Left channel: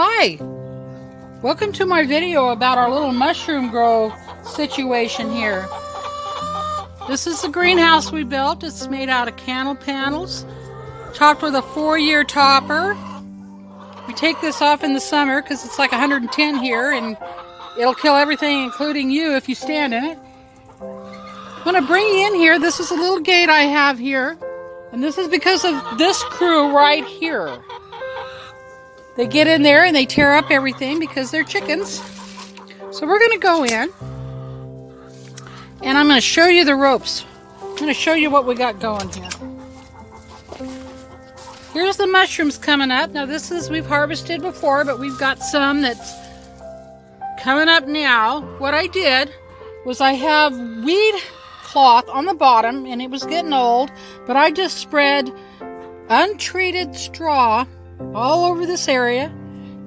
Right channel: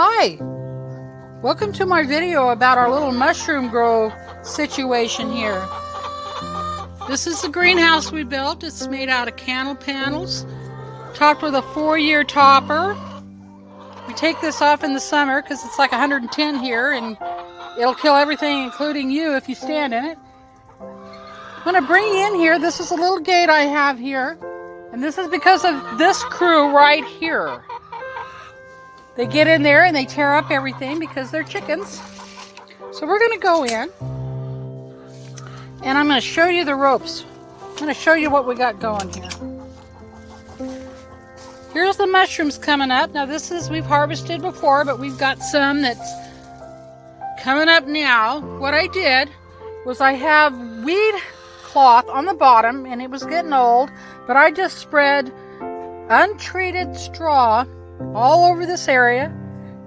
Hi, welcome to my video about our little mushroom grow situation here. This is the greenhouse we built. It's made out of candle panels, topped with a 4-year topper. We take this off in the summer because it's like 110 here and it'll kill everything, including you, if you stand in it. I'm going to bring you in here. This is a little gate I have here, and this is because of this crew right here. They get in there and they tear up everything because they're chickens. So we're going to go in and I'm going to show you the ropes. I'm going to show you what we got going here. Here's the mushrooms coming up. Now this is, we've harvested before, but we've got some that's coming up now. What I did was I have weed cloth on the bottom and it was getting old, but I just spread untreated straw all over this area.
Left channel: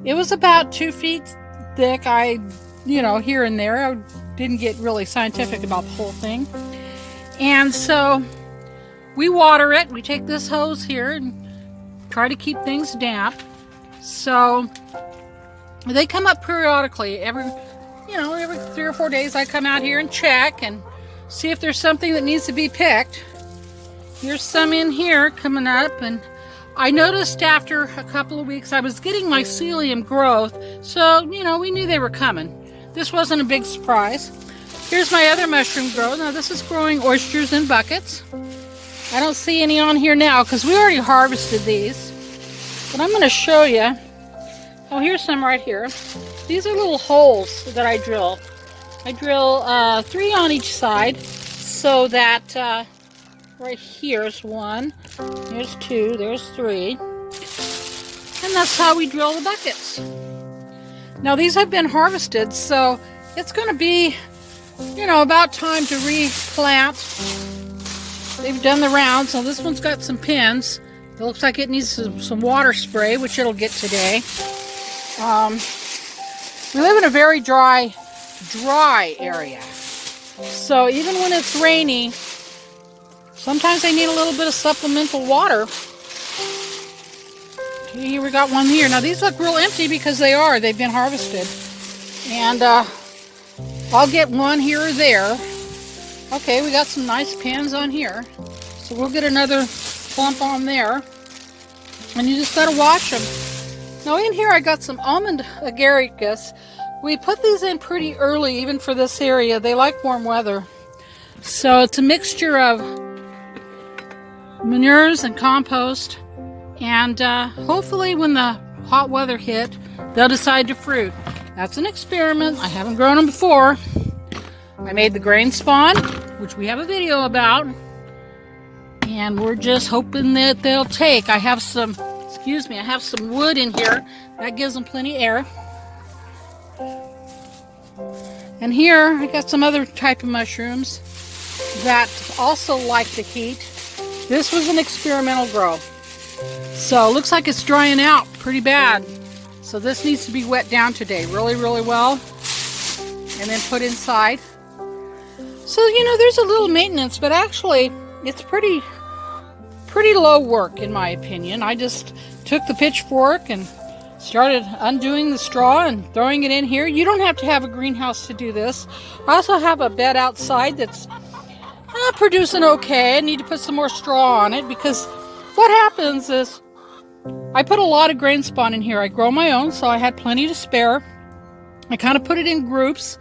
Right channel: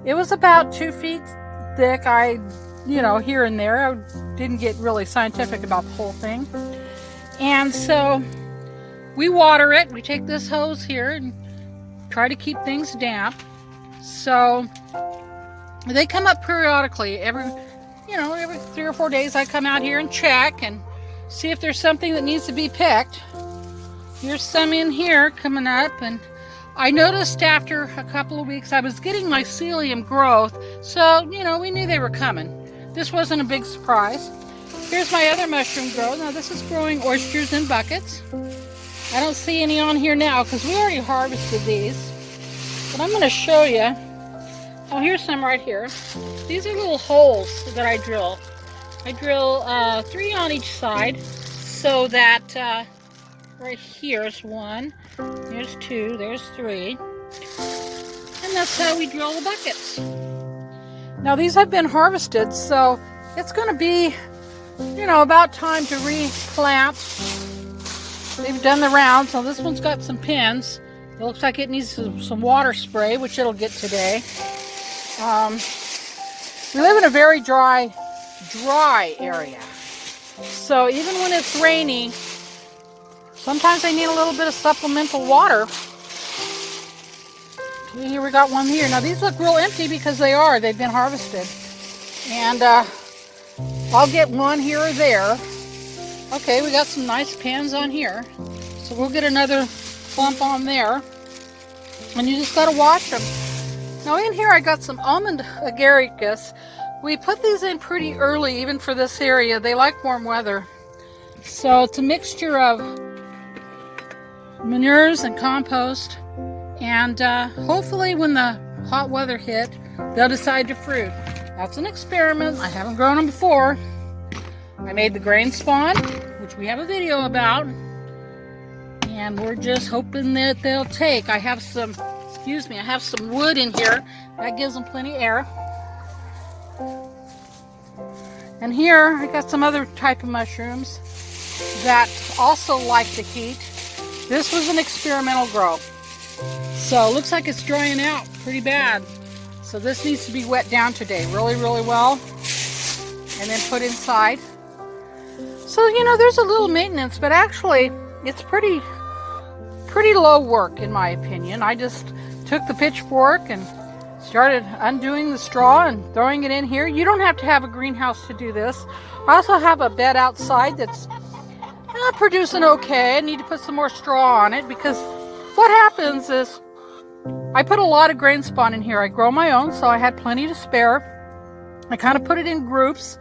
It was about 2 feet thick. Here and there. I didn't get really scientific about the whole thing. And so we water it. We take this hose here and try to keep things damp. So they come up periodically. Every 3 or 4 days I come out here and check and see if there's something that needs to be picked. Here's some in here coming up, and I noticed after a couple of weeks I was getting mycelium growth, so we knew they were coming. This wasn't a big surprise. Here's my other mushroom growth. Now this is growing oysters in buckets. I don't see any on here now because we already harvested these. But I'm going to show you. Oh, here's some right here. These are little holes that I drill. I drill 3 on each side so that right here's 1, there's 2, there's 3, and that's how we drill the buckets. Now these have been harvested, so it's going to be, about time to replant. They've done the round, so this one's got some pins. It looks like it needs some water spray, which it'll get today. We live in a very dry area, so even when it's rainy, sometimes they need a little bit of supplemental water. Here we got one here. Now these look real empty because they've been harvested. And I'll get one here or there. Okay, we got some nice pins on here. So we'll get another clump on there. And you just gotta watch them. Now in here I got some almond agaricus. We put these in pretty early, even for this area. They like warm weather. So it's a mixture of manures and compost, and hopefully when the hot weather hit, they'll decide to fruit. That's an experiment. I haven't grown them before. I made the grain spawn, which we have a video about, and we're just hoping that they'll take. I have some wood in here. That gives them plenty of air. And here I got some other type of mushrooms that also like the heat. This was an experimental grow. So it looks like it's drying out pretty bad. So this needs to be wet down today really, really well. And then put inside. So, there's a little maintenance, but actually it's pretty low work in my opinion. I just took the pitchfork and started undoing the straw and throwing it in here. You don't have to have a greenhouse to do this. I also have a bed outside that's producing okay. I need to put some more straw on it because what happens is I put a lot of grain spawn in here. I grow my own, so I had plenty to spare. I kind of put it in groups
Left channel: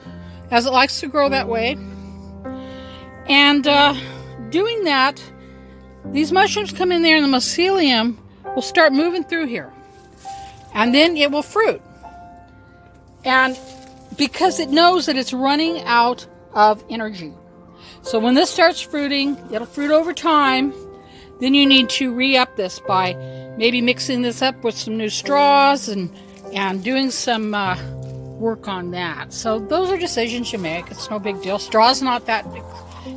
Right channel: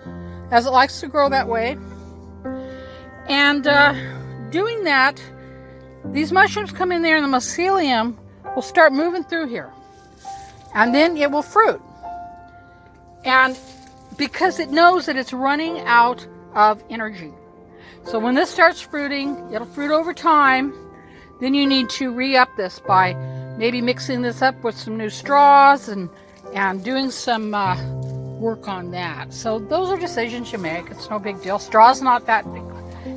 as it likes to grow that way. And doing that, these mushrooms come in there and the mycelium will start moving through here. And then it will fruit. And because it knows that it's running out of energy. So when this starts fruiting, it'll fruit over time. Then you need to re-up this by maybe mixing this up with some new straws and doing some work on that. So those are decisions you make. It's no big deal. Straw's not that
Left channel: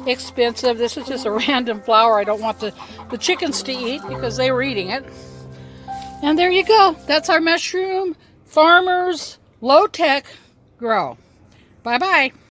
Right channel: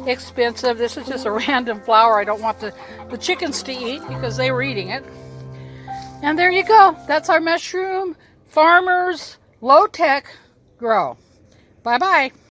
expensive. This is just a random flower I don't want the chickens to eat because they were eating it. And there you go. That's our mushroom farmers low-tech grow. Bye-bye.